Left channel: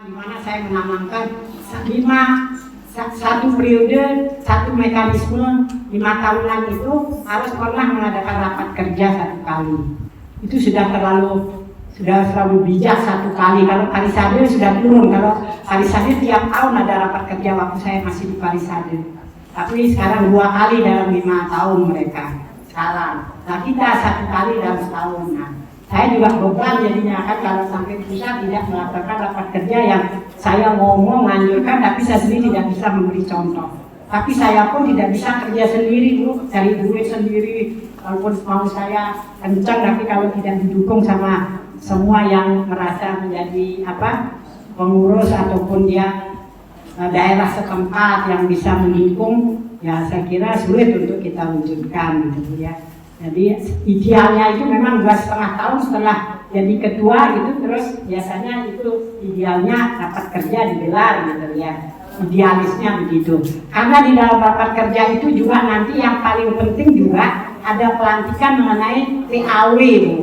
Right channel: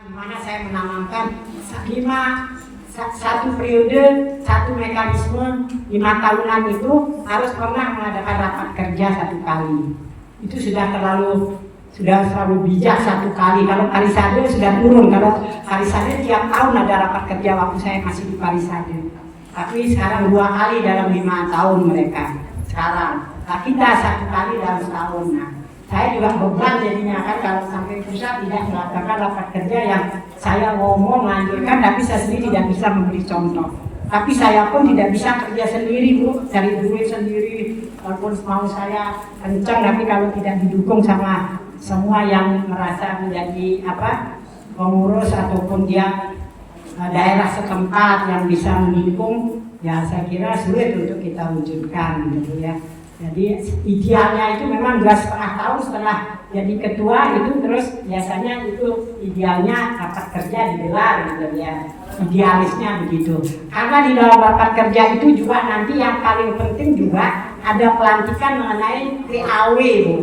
di mana saya menanamkan satu periode, satu mekanisme 5 tahunan itu harus pernah mengadakan rapat kerja 1 kali. Itu sudah terlalu bijak 1 kali. Kalau Parisade sudah turun. Kalau Parisade tiap tahun ada rapat kerja waktu saya masih di Parisade. Tapi sekarang 2 kali dalam 5 tahun mereka sekarang. Nah, kita 1 kali dalam setahun. Nah, saya juga beban jadinya kan kalau sampai pusat tidak melakukan rapat kerja yang saya ngomong menganjurkan, tapi saya sendiri tidak bisa memberi contoh. Tapi saya pun tidak bisa kerja sendiri, Bu, cari duit sendiri. Walaupun mau saya kencang, tapi kalau tidak didukung sama semua yang merasa menjadi pengurus ataupun dia daerah setempat yang bisa mendukung, ya saya kira sulit untuk kita wujudkan, gitu ya. Jadi idealnya itu memang 2,5 tahun setelah jadi ketua itu, terus biasanya itu idealnya rapat kerja digelar, gitu ya. Idealisnya begitu. Karena di dalam rapat kerja itu juga nanti yang paling penting juga ada pelantikan mengenai PAW, Bu.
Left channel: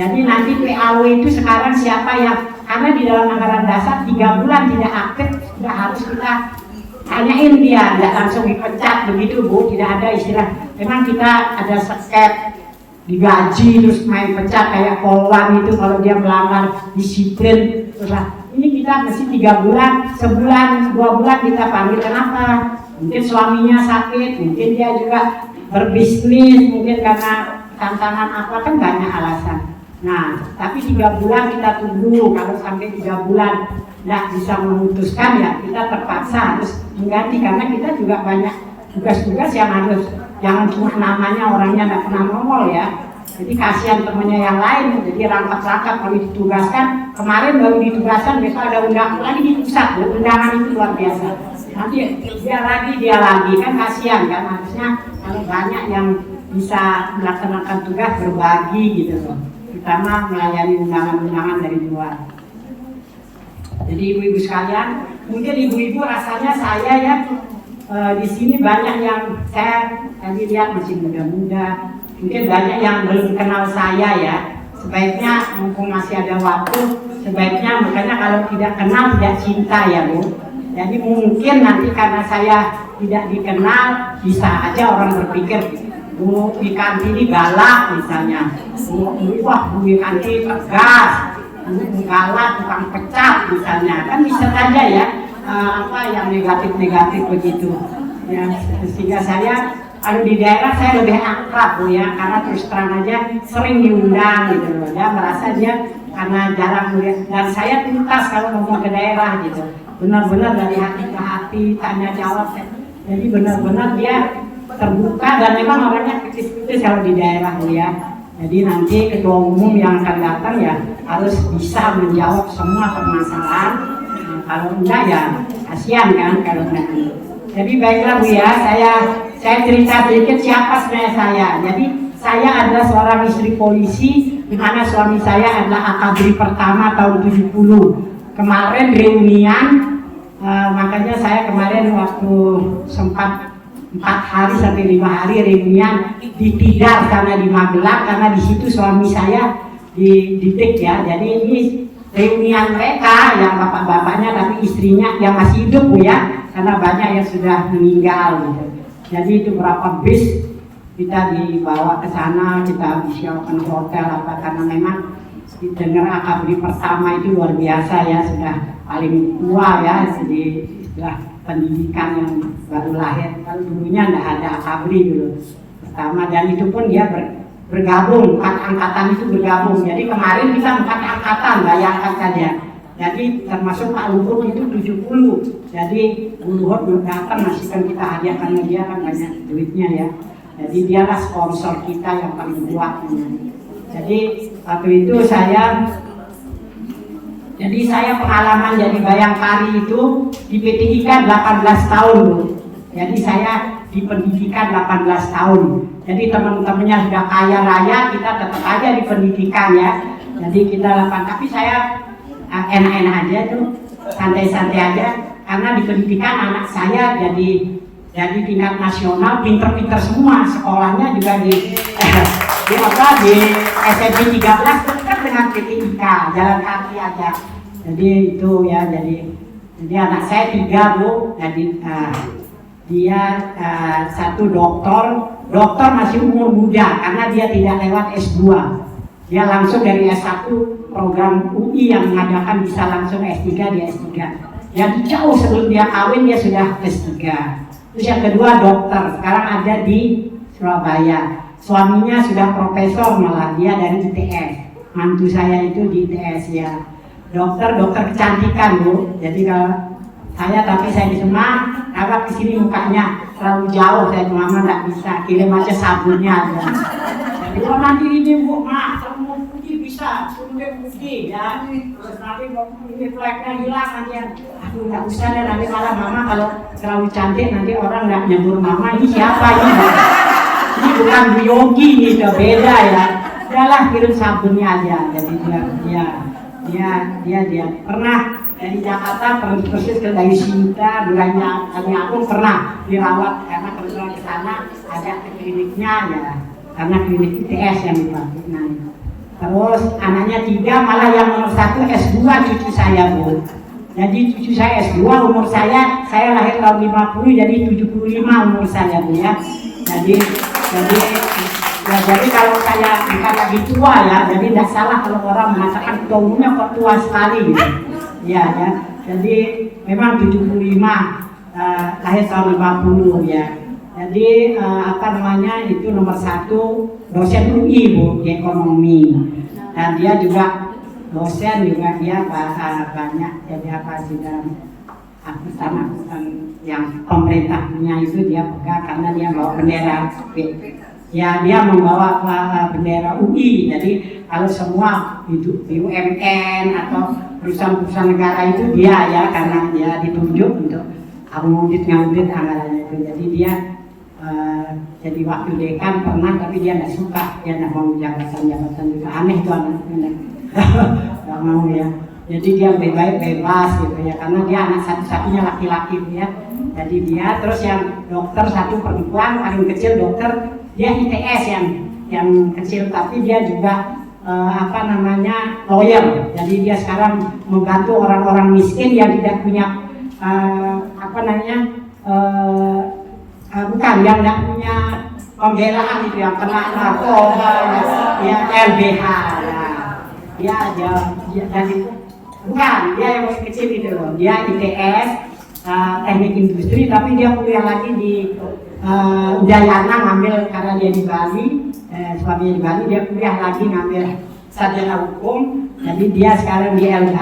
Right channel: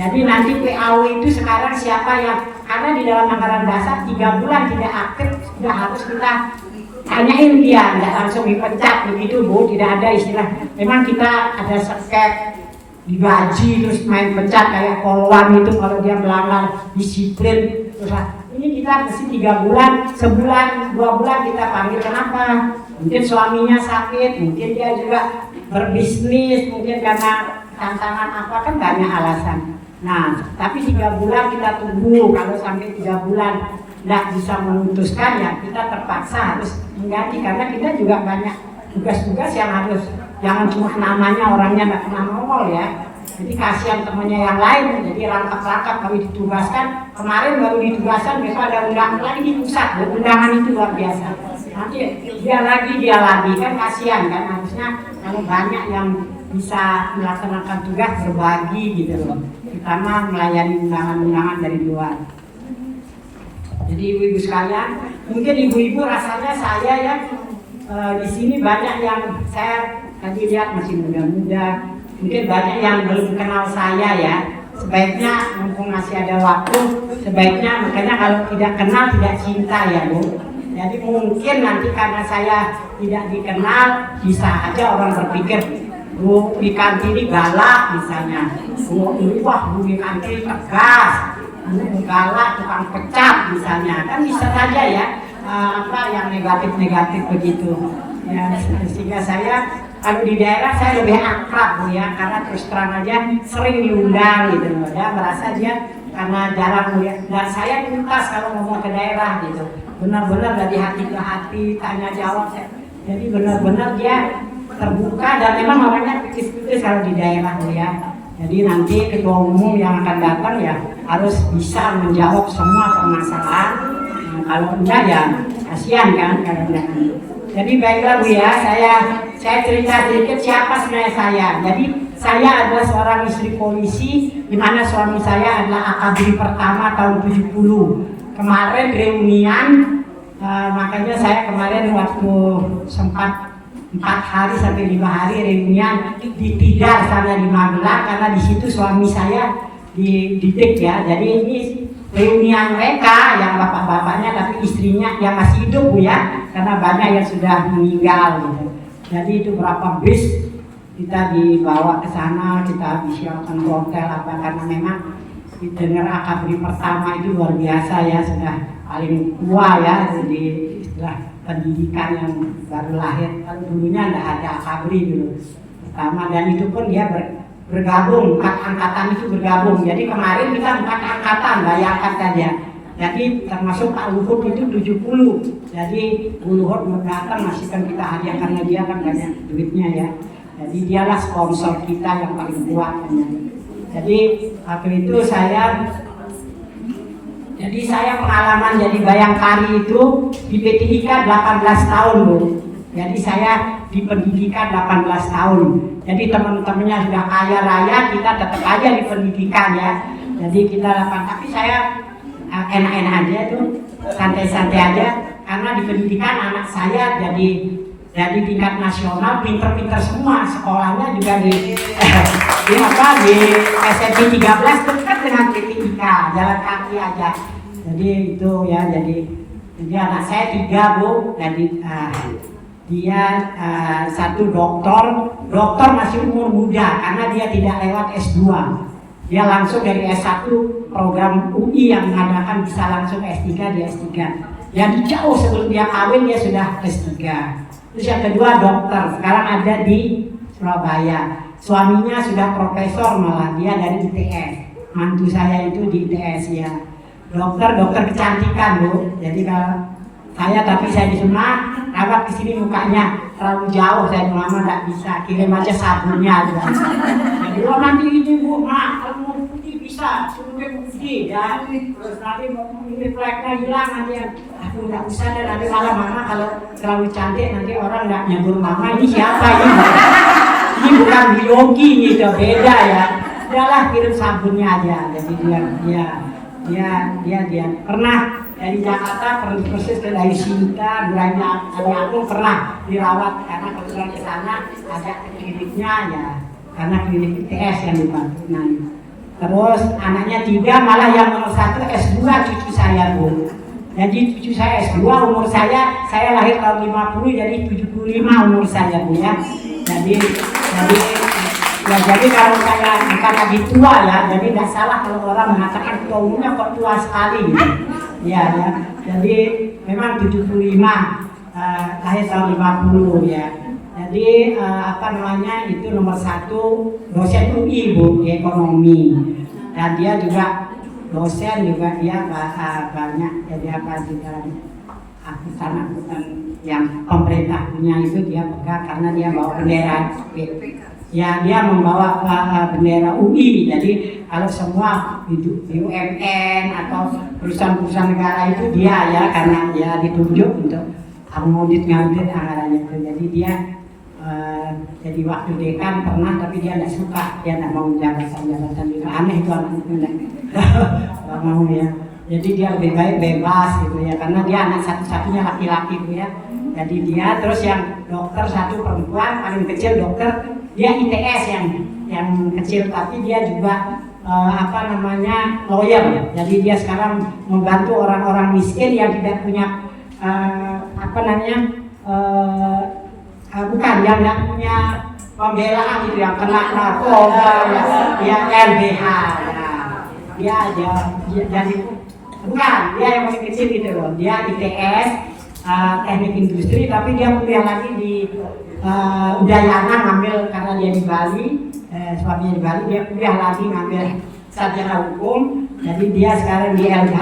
Jadi nanti PAW itu sekarang siapa yang, karena di dalam anggaran dasar 3 bulan tidak aktif sudah harus kita tanyain dia, tidak langsung dipecat begitu, Bu. Tidak ada istilah. Memang kita ada seket digaji terus main pecat kayak Polwan itu kalau dia melanggar disiplin. Terus ini kita mesti 3 bulan, sebulan, 2 bulan kita panggil. Kenapa? Mungkin suaminya sakit, mungkin dia juga berbisnis, mungkin karena tantangan apa, kan banyak alasan. Nah, tapi 3 bulan kita tunggu. Kalau sampai 3 bulan tidak bisa memutuskan, ya kita terpaksa harus mengganti, karena kita juga banyak tugas-tugas yang harus, jangan cuma namanya orangnya tidak pernah nongol ya. Jadi kasihan temennya yang lain, jadi rangkap-rangkap kalau ditugaskan. Kemarin baru ditugaskan, besok ada undangan lagi di pusat. Undangan itu luar biasa. Nanti dia lagi kan kasihan kan. Harusnya kalau banyak yang bisa melaksanakan tugas berbagi gitu loh. Terutama melayani undangan-undangan dari luar. Jadi ibu-ibu sekalian, mungkin ibu-ibu rasanya saya ya di sini banyak yang saya tadi lihat masih muda-muda, mungkin banyak yang belum kenal saya ya. Sebaiknya mumpung masih ada waktu, sebaiknya makanya kalau tidak kenal tidak cinta ya, Bu. Jadi mungkin nanti karena saya tidak dikenal, bisa aja orang berpikir Bu Wikanti ini galak misalnya, Bu Wikanti tegas, Bu galak, tukang pecat misalnya, kan bisa saja ya. Yang negatif-negatif begitu ya, sehingga saya kalau di daerah saya lebih akrab, Bu ya, karena terus terang aja sering diundang gitu loh ya, merasa dia karena jarang melihat, dan saya tuntas kalau ngomong ke daerah gitu, benar-benar dari hati ke hati, tanya jawab, jadi benar-benar dia terbuka dan memang orangnya kritis-kritis kalau di daerah, Bu ya. Jadi nanti ketua umum yang akan datang ya harus bisa menjawab semua permasalahan. Kalau enggak ya kasihan kan kalau enggak. Jadi baiklah, Bu ya, saya cerita sedikit siapa sebenarnya saya. Jadi saya adalah seorang istri polisi, di mana suami saya adalah akabri pertama tahun 70. Kemarin reunian, makanya saya kemarin waktu sempat 4 hari sampai 5 hari reunian di Tidar sana di Magelang, karena di situ suami saya dididik ya. Jadi ini reunian mereka yang bapak-bapaknya, tapi istrinya yang masih hidup, Bu ya, karena banyak yang sudah meninggal gitu. Jadi itu berapa bis kita dibawa ke sana, kita disiapkan hotel apa, karena memang dengar akabri pertama itu luar biasa ya, sudah paling tua ya, jadi sudah pendidikan yang baru lahir. Kalau dulunya tidak ada akabri dulu pertama, dan itu pun dia bergabung, 4 angkatan itu bergabung. Jadi kemarin kita 4 angkatan, bayangkan saja. Jadi termasuk Pak Luhut itu 70. Jadi Bu Luhut belum datang, masih kan kita hadiah karena dia kan banyak duitnya ya. Jadi dialah sponsor kita yang paling kuat. Jadi waktu itu saya pengalaman jadi bayangkari itu di P3K 18 tahun, Bu. Jadi saya di pendidikan 18 tahun. Jadi teman-temannya sudah kaya raya, kita tetap aja di pendidikan ya. Jadi kita tapi saya enak-enak aja tuh, santai-santai aja, karena di pendidikan anak saya jadi tingkat nasional, pinter-pinter semua, sekolahnya juga di SMP 13 dekat dengan P3K, jalan kaki aja. Jadi itu ya, jadi anak saya 3 Bu, jadi dia satu dokter masih umur muda karena dia tidak lewat S2, dia langsung dari S1 program UI yang mengadakan bisa langsung S3, dia S3. Jadi jauh sebelum dia kawin dia sudah S3. Terus yang kedua dokter, sekarang ada di Surabaya. Suaminya sudah profesor malah, dia dari ITS. Mantu saya itu di ITS ya. Dokter kecantikan Bu. Jadi kalau saya di sana agak kesini mukanya terlalu jauh, saya lama nggak bisa, kirim aja sabunnya aja. Jadi nanti ini Bu, kalau mau putih bisa, suruh putih ya. Terus nanti ini fleknya hilang nanti, aduh nggak usah deh, nanti malah mama kalau terlalu cantik nanti orang nggak nyebut mama ini siapa ini. Ini bukan Yogi, ini udah beda ya. Udahlah kirim sabunnya aja. Jadi dia pernah dari Jakarta persis ke dari Sinta, Buranya kami aku pernah dirawat karena kebetulan ke sana ada kliniknya ya, karena klinik ITS yang dibantu. Terus anaknya 3, malah yang nomor 1 S2 cucu saya Bu. Jadi cucu saya S2, umur saya lahir tahun 50, jadi 75 umur saya Bu ya. Jadi kalau saya dikata tua ya, jadi tidak salah kalau orang mengatakan tua umurnya kok tua sekali gitu. Ya. Jadi memang 75, lahir tahun 50 ya. Jadi itu nomor 1 dosen UI Bu, ekonomi. Dan dia juga dosen juga, dia banyak jadi di dalam angkutan yang pemerintah punya itu dia pegang karena dia bawa bendera. Ya, dia membawa bendera UI. Jadi kalau semua BUMN atau perusahaan-perusahaan negara itu dia ya, karena dia ditunjuk untuk ngaudit anggarannya itu. Jadi dia jadi waktu dekan pernah, tapi dia nggak suka, dia nggak mau jabatan itu, aneh tuh anaknya. Mau ya. Jadi dia lebih baik bebas gitu ya, karena dia anak satu-satunya laki-laki ya. Jadi dia, terus yang dokter 1 perempuan paling kecil dokter, dia ITS yang kecil, tapi dia juga lawyer. Jadi dia sekarang membantu orang-orang miskin yang tidak punya bukan yang tidak punya pembelaan itu, yang kena narkoba ya, LBH. Dia jadi bukan, dia yang masih kecil gitu loh. Dia ITS teknik industri, tapi dia kuliah lagi di Udayana, ngambil karena dia di Bali, suaminya di Bali, dia kuliah lagi ngambil sarjana hukum. Jadi dia sekarang di LH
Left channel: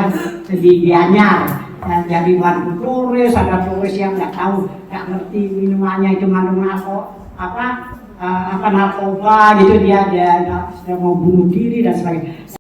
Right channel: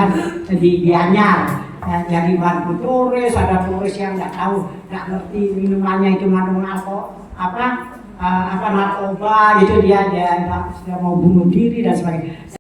di Gianyar, jadi bantu turis, ada turis yang nggak tahu, nggak ngerti minumannya itu mengandung narkoba gitu, dia mau bunuh diri dan sebagainya.